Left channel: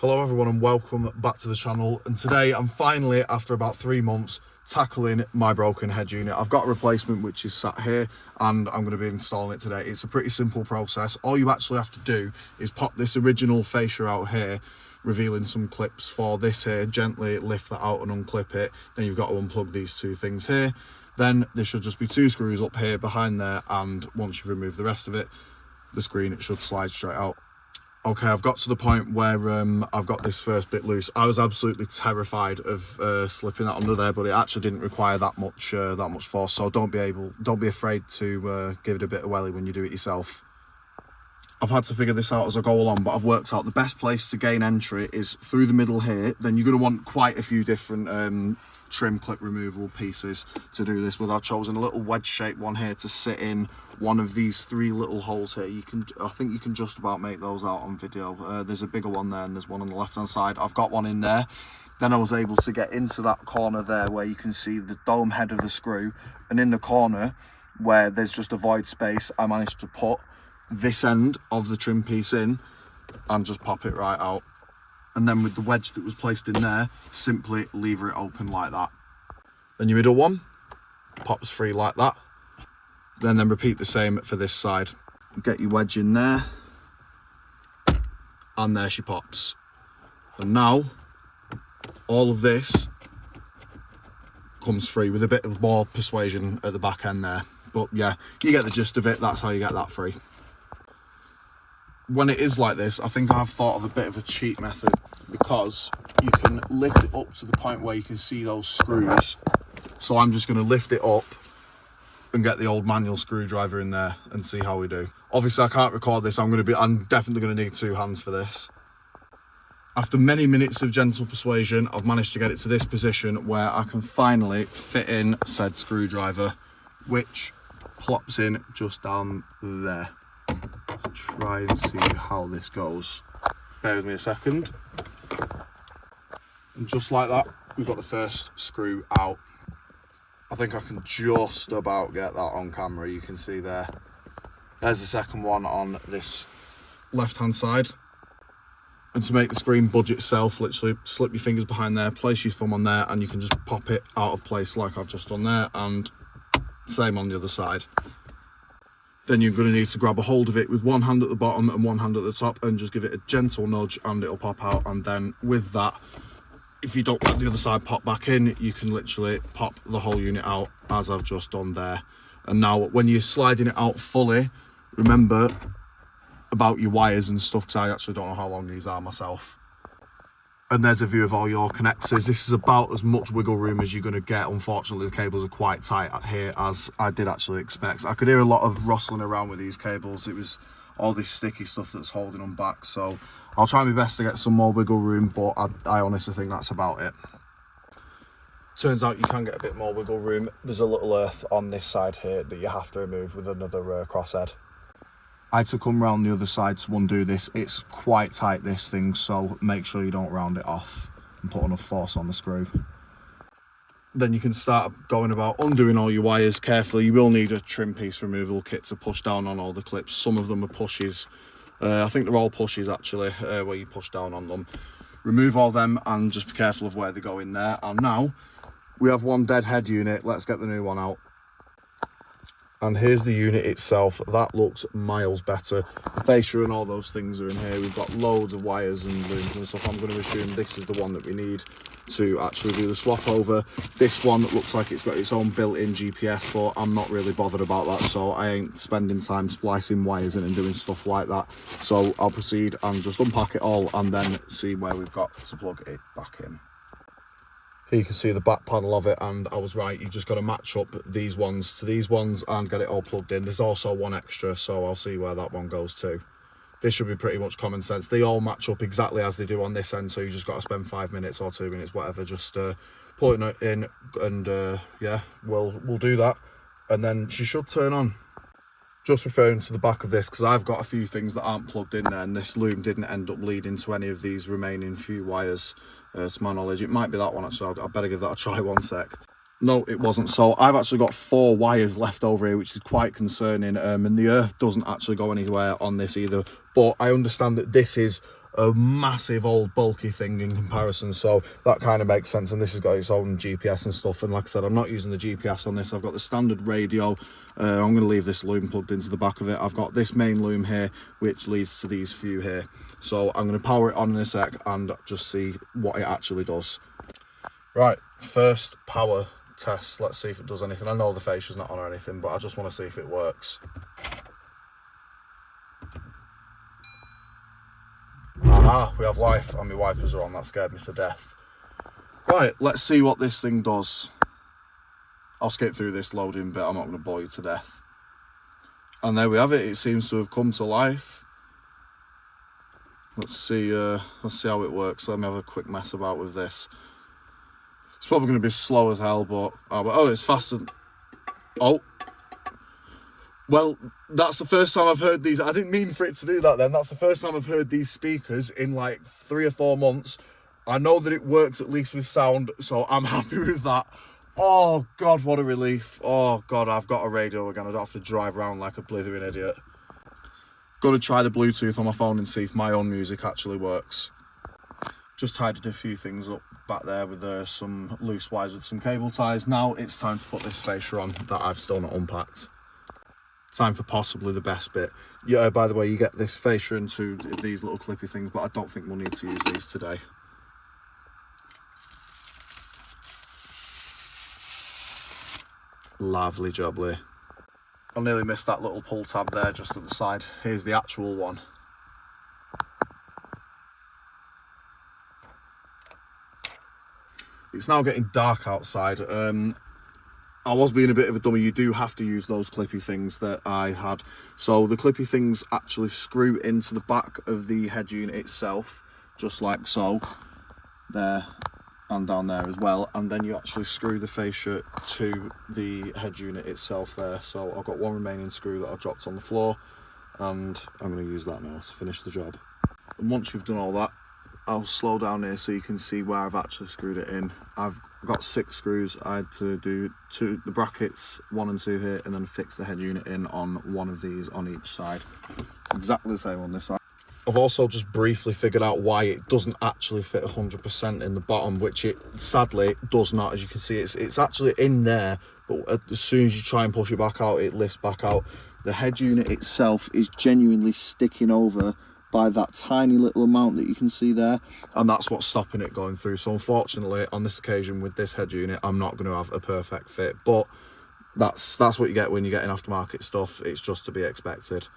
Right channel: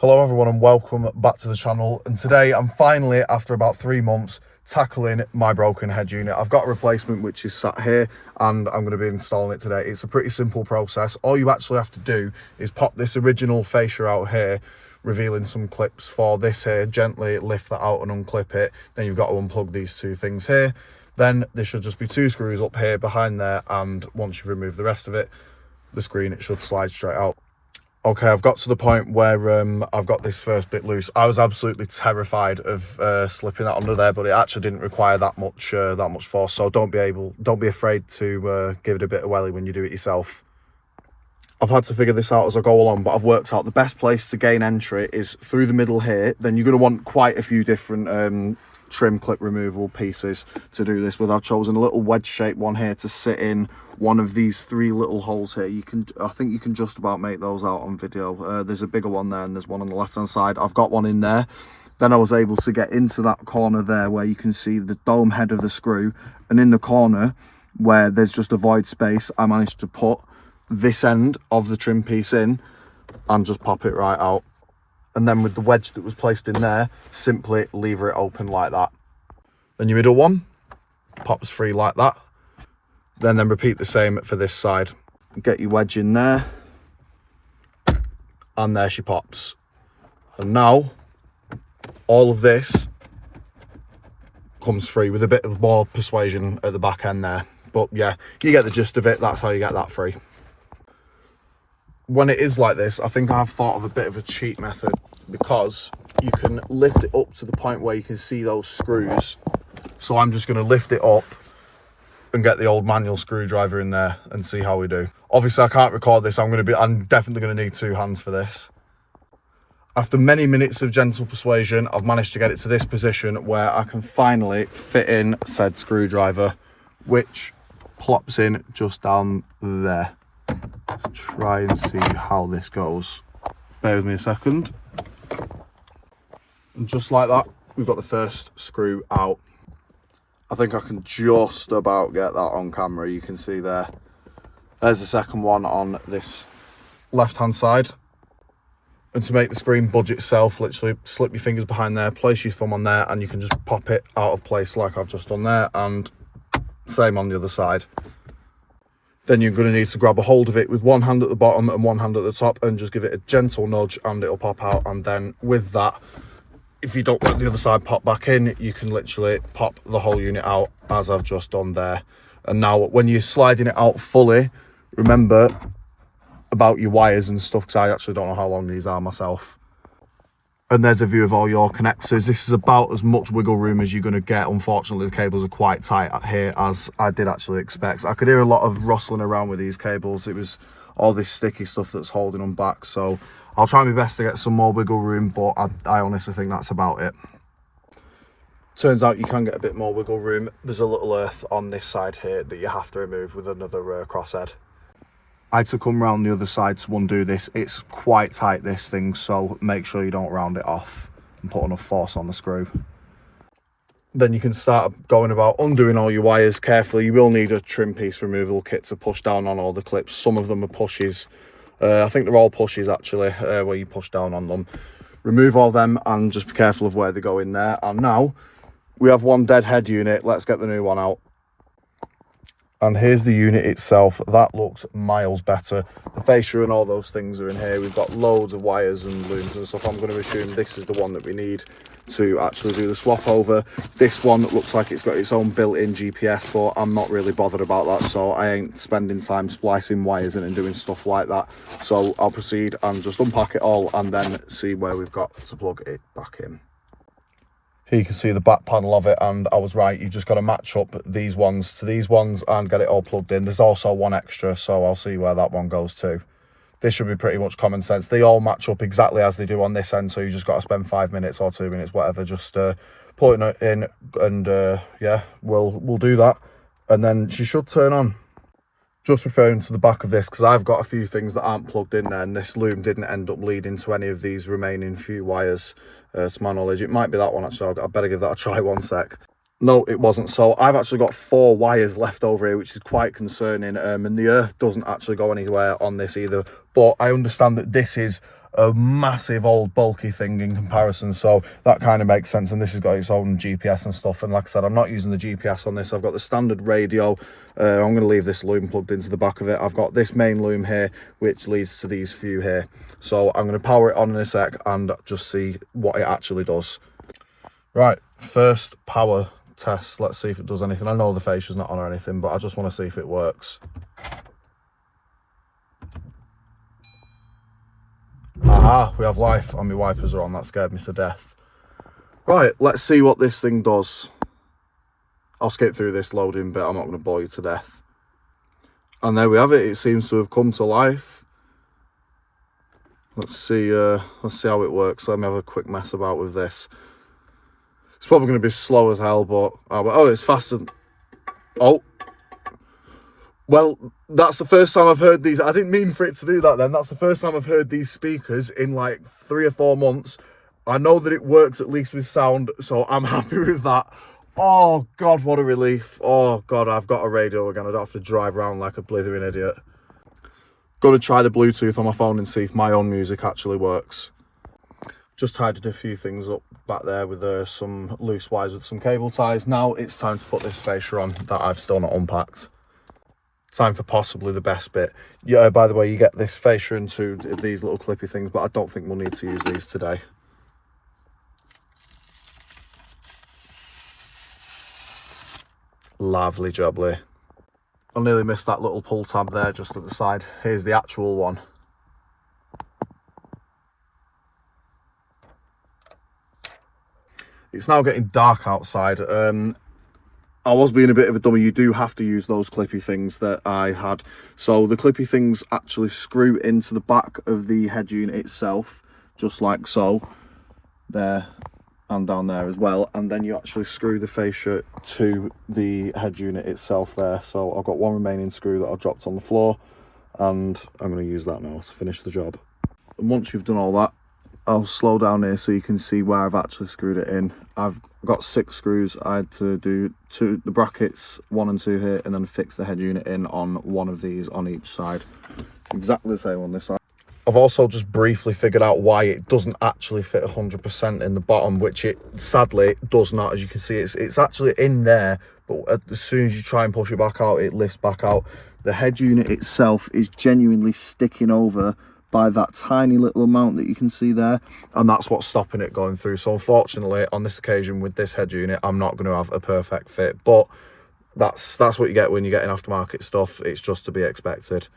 Hello everyone and welcome back to the channel, and today I'm finally, after about 3 months, tackling my broken head unit. I've got a replacement which is sat here and I'm going to be installing it today. It's a pretty simple process. All you actually have to do is pop this original fascia out here, revealing some clips for this here, gently lift that out and unclip it. Then you've got to unplug these two things here. Then there should just be 2 screws up here behind there, and once you've removed the rest of it, the screen, it should slide straight out. Okay, I've got to the point where I've got this first bit loose. I was absolutely terrified of slipping that under there, but it actually didn't require that much force. So don't be afraid to give it a bit of welly when you do it yourself. I've had to figure this out as I go along, but I've worked out the best place to gain entry is through the middle here. Then you're going to want quite a few different trim clip removal pieces to do this with. I've chosen a little wedge shaped one here to sit in one of these 3 little holes here. I think you can just about make those out on video. There's a bigger one there and there's one on the left hand side. I've got one in there. Then I was able to get into that corner there where you can see the dome head of the screw, and in the corner where there's just a void space, I managed to put this end of the trim piece in and just pop it right out. And then with the wedge that was placed in there, simply lever it open like that. Then your middle one pops free like that. Then repeat the same for this side. Get your wedge in there, and there she pops. And now all of this comes free with a bit of more persuasion at the back end there. But yeah, you get the gist of it. That's how you get that free. When it is like this, I think I've thought of a bit of a cheat method, because you can lift it up to the point where you can see those screws. So I'm just going to lift it up and get the old manual screwdriver in there and see how we do. Obviously I can't record this. I'm definitely going to need 2 hands for this. After many minutes of gentle persuasion, I've managed to get it to this position where I can finally fit in said screwdriver, which plops in just down there. Let's try and see how this goes. Bear with me a second. And just like that, we've got the first screw out. I think I can just about get that on camera. You can see there. There's the second one on this left hand side. And to make the screen budge itself, literally slip your fingers behind there, place your thumb on there, and you can just pop it out of place like I've just done there, and same on the other side. Then you're going to need to grab a hold of it with one hand at the bottom and one hand at the top and just give it a gentle nudge and it'll pop out. And then with that, if you don't let the other side pop back in, you can literally pop the whole unit out as I've just done there. And now when you're sliding it out fully, remember about your wires and stuff, because I actually don't know how long these are myself. And there's a view of all your connectors. This is about as much wiggle room as you're going to get. Unfortunately, the cables are quite tight here, as I did actually expect. I could hear a lot of rustling around with these cables. It was all this sticky stuff that's holding them back. So I'll try my best to get some more wiggle room, but I honestly think that's about it. Turns out you can get a bit more wiggle room. There's a little earth on this side here that you have to remove with another crosshead. I had to come round the other side to undo this. It's quite tight, this thing, so make sure you don't round it off and put enough force on the screw. Then you can start going about undoing all your wires carefully. You will need a trim piece removal kit to push down on all the clips. Some of them are pushes. I think they're all pushes actually, where you push down on them. Remove all them and just be careful of where they go in there. And now we have one dead head unit. Let's get the new one out. And here's the unit itself. That looks miles better. The fascia and all those things are in here. We've got loads of wires and looms and stuff. I'm going to assume this is the one that we need to actually do the swap over. This one looks like it's got its own built-in GPS, but I'm not really bothered about that, so I ain't spending time splicing wires in and doing stuff like that. So I'll proceed and just unpack it all and then see where we've got to plug it back in. Here you can see the back panel of it, and I was right, you just got to match up these ones to these ones and get it all plugged in. There's also one extra, so I'll see where that one goes to. This should be pretty much common sense. They all match up exactly as they do on this end, so you just got to spend 5 minutes or 2 minutes, whatever, just putting it in, and yeah, we'll do that, and then she should turn on. Just referring to the back of this, because I've got a few things that aren't plugged in there, and this loom didn't end up leading to any of these remaining few wires, to my knowledge. It might be that one actually. I better give that a try. One sec. No, it wasn't. So I've actually got 4 wires left over here, which is quite concerning. And the earth doesn't actually go anywhere on this either. But I understand that this is a massive old bulky thing in comparison, so that kind of makes sense. And this has got its own GPS and stuff, and like I said, I'm not using the GPS on this. I've got the standard radio. I'm going to leave this loom plugged into the back of it. I've got this main loom here which leads to these few here, so I'm going to power it on in a sec and just see what it actually does. Right, first power test. Let's see if it does anything. I know the fascia's not on or anything, but I just want to see if it works. Aha, we have life and my wipers are on. That scared me to death. Right, let's see what this thing does. I'll skip through this loading bit, I'm not going to bore you to death. And there we have it, it seems to have come to life. Let's see how it works. Let me have a quick mess about with this. It's probably going to be slow as hell, but oh, it's faster. Oh. Well, that's the first time I've heard these. I didn't mean for it to do that then. That's the first time I've heard these speakers in like 3 or 4 months. I know that it works at least with sound, so I'm happy with that. Oh, God, what a relief. Oh, God, I've got a radio again. I don't have to drive around like a blithering idiot. Got to try the Bluetooth on my phone and see if my own music actually works. Just tidied a few things up back there with some loose wires with some cable ties. Now it's time to put this fascia on that I've still not unpacked. Time for possibly the best bit. Yeah, by the way, you get this fascia into these little clippy things, but I don't think we'll need to use these today. Lovely jubbly. I nearly missed that little pull tab there just at the side. Here's the actual one. It's now getting dark outside. I was being a bit of a dummy. You do have to use those clippy things that I had. So the clippy things actually screw into the back of the head unit itself, just like so. There and down there as well. And then you actually screw the fascia to the head unit itself there. So I've got one remaining screw that I dropped on the floor, and I'm going to use that now to finish the job. And once you've done all that, I'll slow down here so you can see where I've actually screwed it in. I've got 6 screws. I had to do the brackets 1 and 2 here, and then fix the head unit in on one of these on each side. It's exactly the same on this side. I've also just briefly figured out why it doesn't actually fit 100% in the bottom, which it sadly does not. As you can see, it's actually in there, but as soon as you try and push it back out, it lifts back out. The head unit itself is genuinely sticking over by that tiny little amount that you can see there, and that's what's stopping it going through. So unfortunately on this occasion with this head unit, I'm not going to have a perfect fit, but that's what you get when you're getting aftermarket stuff. It's just to be expected.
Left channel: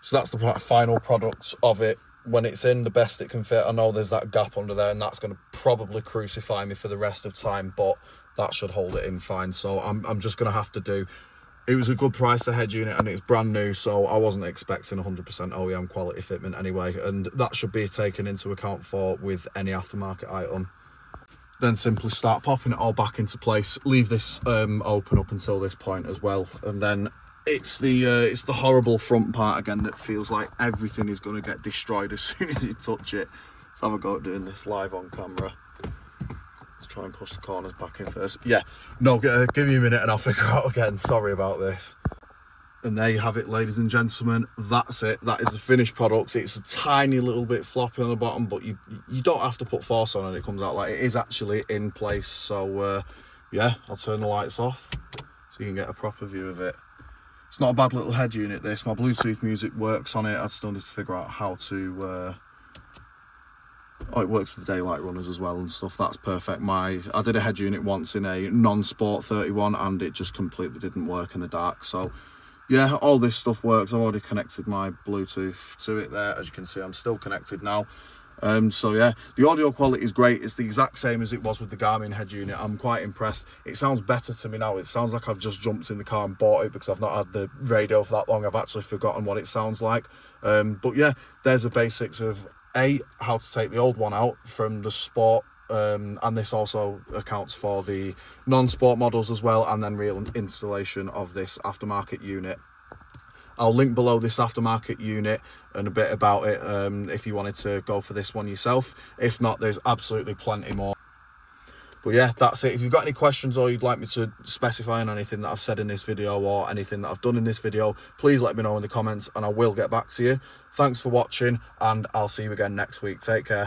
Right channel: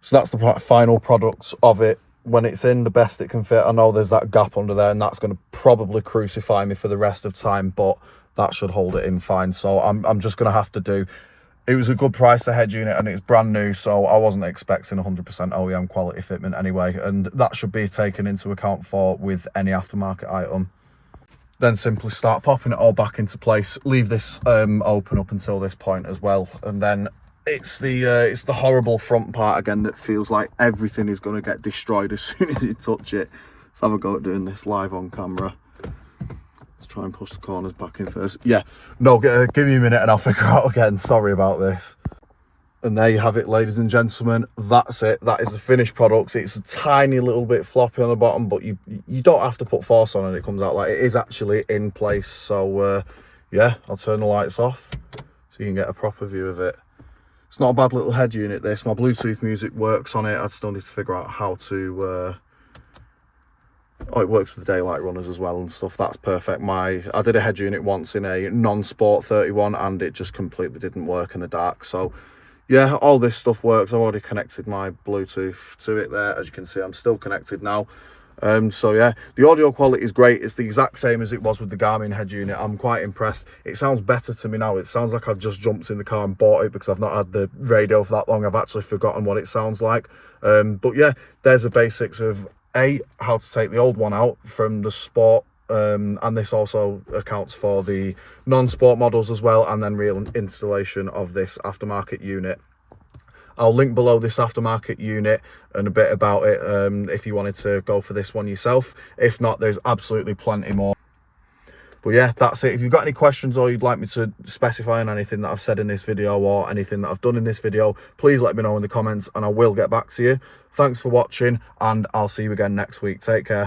So that's the final product of it. When it's in the best it can fit, I know there's that gap under there, and that's going to probably crucify me for the rest of time, but that should hold it in fine. So I'm just going to have to do. It was a good price, the head unit, and it's brand new, so I wasn't expecting 100% OEM quality fitment anyway, and that should be taken into account for with any aftermarket item. Then simply start popping it all back into place. Leave this open up until this point as well, and then it's the horrible front part again that feels like everything is going to get destroyed as soon as you touch it. Let's have a go at doing this live on camera. Try and push the corners back in first. Yeah, no, give me a minute and I'll figure out again. Sorry about this. And there you have it, ladies and gentlemen. That's it. That is the finished product. It's a tiny little bit floppy on the bottom, but you don't have to put force on and it comes out like it is actually in place. So yeah, I'll turn the lights off so you can get a proper view of it. It's not a bad little head unit, this. My Bluetooth music works on it. I still need to figure out how to oh, it works with daylight runners as well and stuff. That's perfect. I did a head unit once in a non-sport 31 and it just completely didn't work in the dark. So yeah, all this stuff works. I've already connected my Bluetooth to it there. As you can see, I'm still connected now. So yeah, the audio quality is great. It's the exact same as it was with the Garmin head unit. I'm quite impressed. It sounds better to me now. It sounds like I've just jumped in the car and bought it because I've not had the radio for that long. I've actually forgotten what it sounds like. But yeah, there's the basics of how to take the old one out from the sport, and this also accounts for the non-sport models as well, and then real installation of this aftermarket unit. I'll link below this aftermarket unit and a bit about it if you wanted to go for this one yourself. If not, there's absolutely plenty more. But yeah, that's it. If you've got any questions or you'd like me to specify on anything that I've said in this video or anything that I've done in this video, please let me know in the comments and I will get back to you. Thanks for watching, and I'll see you again next week. Take care.